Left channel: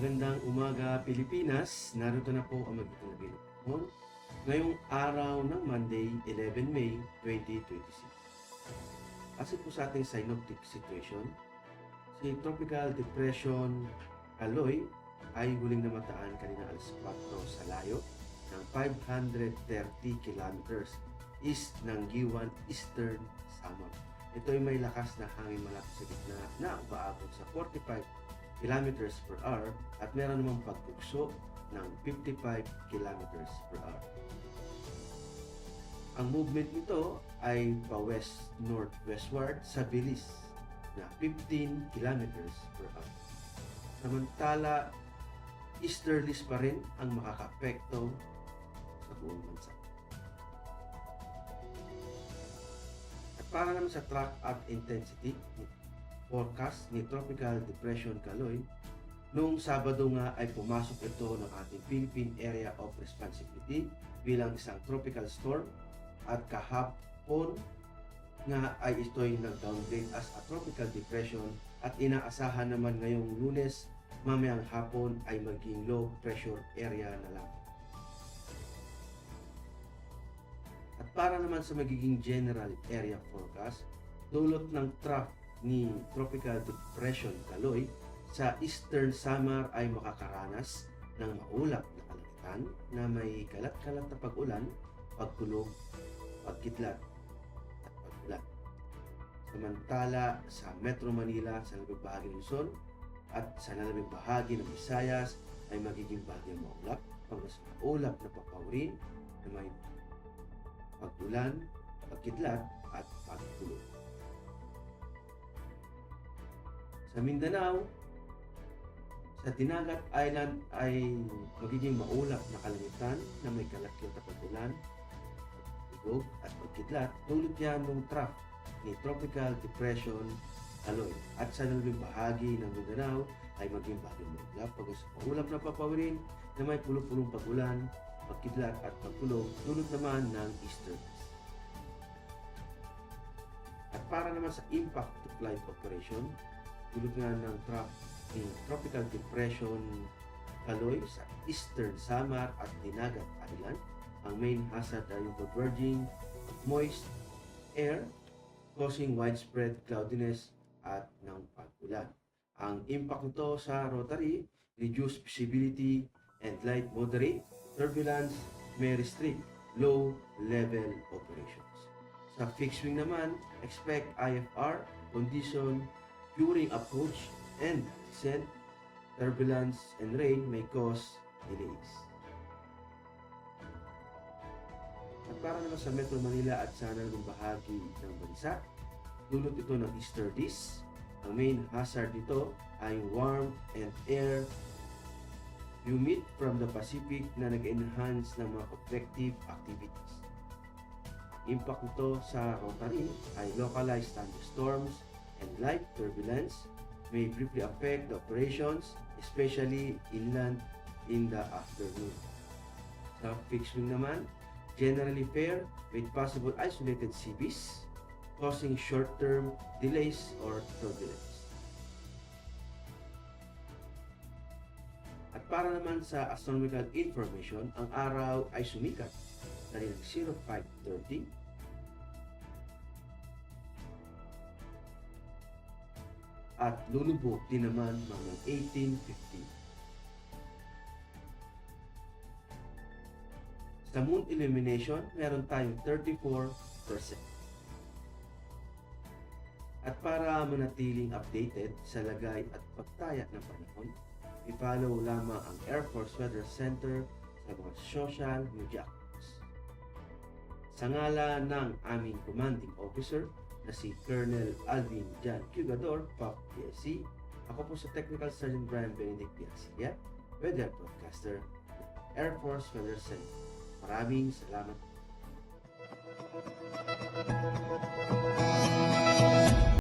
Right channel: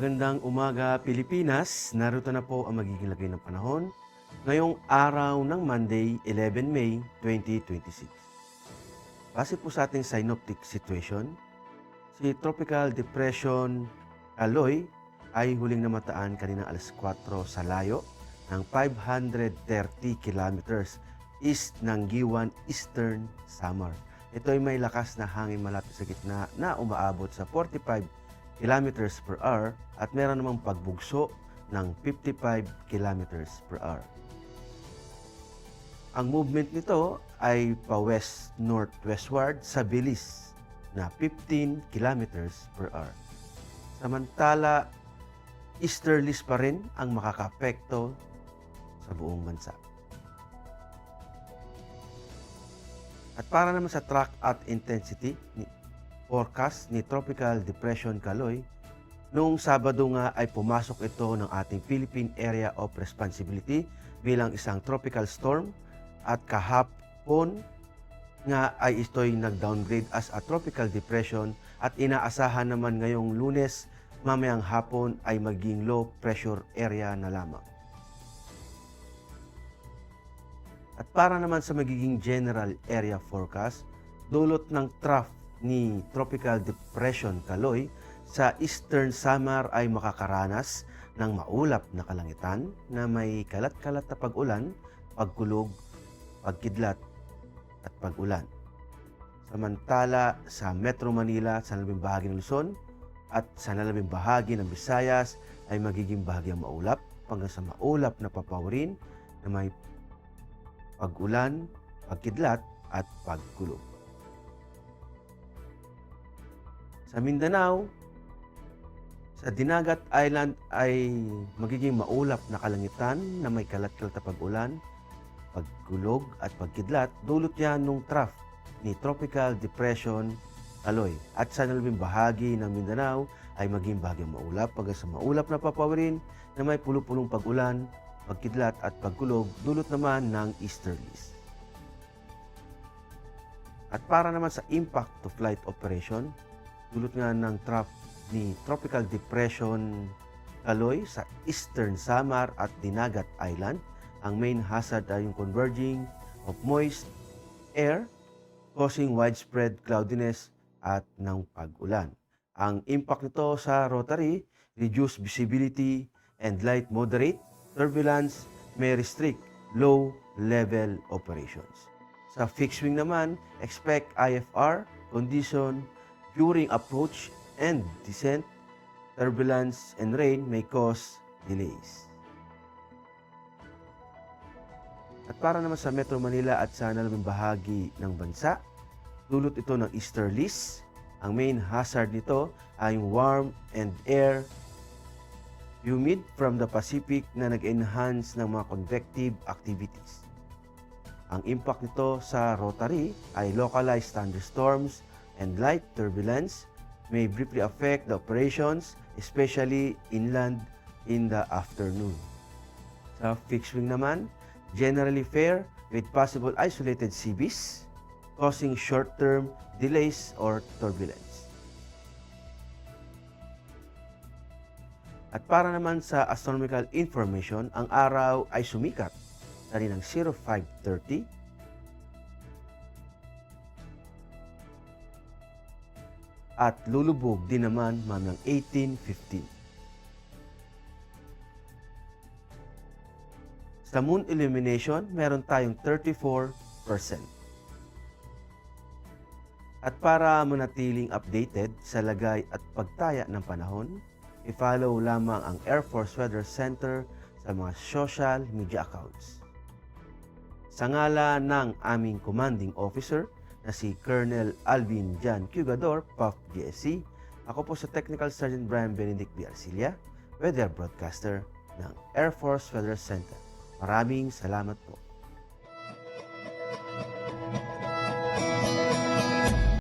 Magandang umaga Pilipinas, narito na po ang magiging lagay ng panahon ngayong araw ng Monday, 11 May 2026. Base po sa ating synoptic situation, si Tropical Depression Aloy ay huling namataan kanina alas 4 sa layo ng 530 kilometers east ng Giwan, Eastern Samar. Ito ay may lakas na hangin malapit sa gitna na umaabot sa 45 kilometers per hour at meron namang pagbugso ng 55 kilometers per hour. Ang movement nito ay pa-west-northwestward sa bilis na 15 kilometers per hour. Samantala, easterlies pa rin ang makakaapekto sa buong bansa. At para naman sa track at intensity forecast ni Tropical Depression Kaloy, noong Sabado nga ay pumasok ito ng ating Philippine Area of Responsibility bilang isang tropical storm at kahapon nga ay ito'y nag-downgrade as a tropical depression at inaasahan naman ngayong Lunes mamayang hapon ay maging low pressure area na lamang. At para naman sa magiging general area forecast, dulot ng trough ni Tropical Depression Kaloy sa Eastern Samar ay makakaranas ng maulap na kalangitan na may kalat-kalat na pag-ulan, pagkulog, pagkidlat at pag-ulan. Samantala sa Metro Manila, sa nalabing bahagi ng Luzon at sa nalabing bahagi ng Visayas ay magiging bahagyang maulap hanggang sa maulap na papawirin na may pag-ulan, pagkidlat at pagkulog. Sa Mindanao, sa Dinagat Island ay magiging maulap na kalangitan na may kalat-kalat na pag-ulan, pagkulog at pagkidlat, dulot yan nung trough ni Tropical Depression Kaloy. At sa nalabing bahagi ng Mindanao ay maging bahagyang maulap hanggang sa maulap na papawirin na may pulo-pulong pag-ulan, pagkidlat at pagkulog, dulot naman ng easterlies. At para naman sa impact to flight operation, dulot nga ng trough ni Tropical Depression Kaloy sa Eastern Samar at Dinagat Island. Ang main hazard ay yung converging of moist air causing widespread cloudiness at ng pag-ulan. Ang impact nito sa Rotary, reduced visibility and light moderate turbulence may restrict low-level operations. Sa fixed wing naman, expect IFR condition during approach and descent. Turbulence and rain may cause delays. At para naman sa Metro Manila at sa nalabing bahagi ng bansa, dulot ito ng easterlies. Ang main hazard nito ay warm and air humid from the Pacific na nag-enhance ng mga convective activities. Ang impact nito sa Rotary ay localized thunderstorms and light turbulence may briefly affect the operations, especially inland in the afternoon. Sa fixed wing naman, generally fair with possible isolated CBs causing short-term delays or turbulence. At para naman sa astronomical information, ang araw ay sumikat kaninang 0530 at lulubog din naman mamayang 18:15. Sa moon illumination, meron tayong 34%. At para manatiling updated sa lagay at pagtaya ng panahon, i-follow lamang ang Air Force Weather Center sa mga social media accounts. Sa ngala ng aming commanding officer na si Colonel Alvin Jan Cugador, PAF GSC, ako po sa Technical Sergeant Brian Benedict B. Arcilia, Weather Broadcaster ng Air Force Weather Center. Maraming salamat po.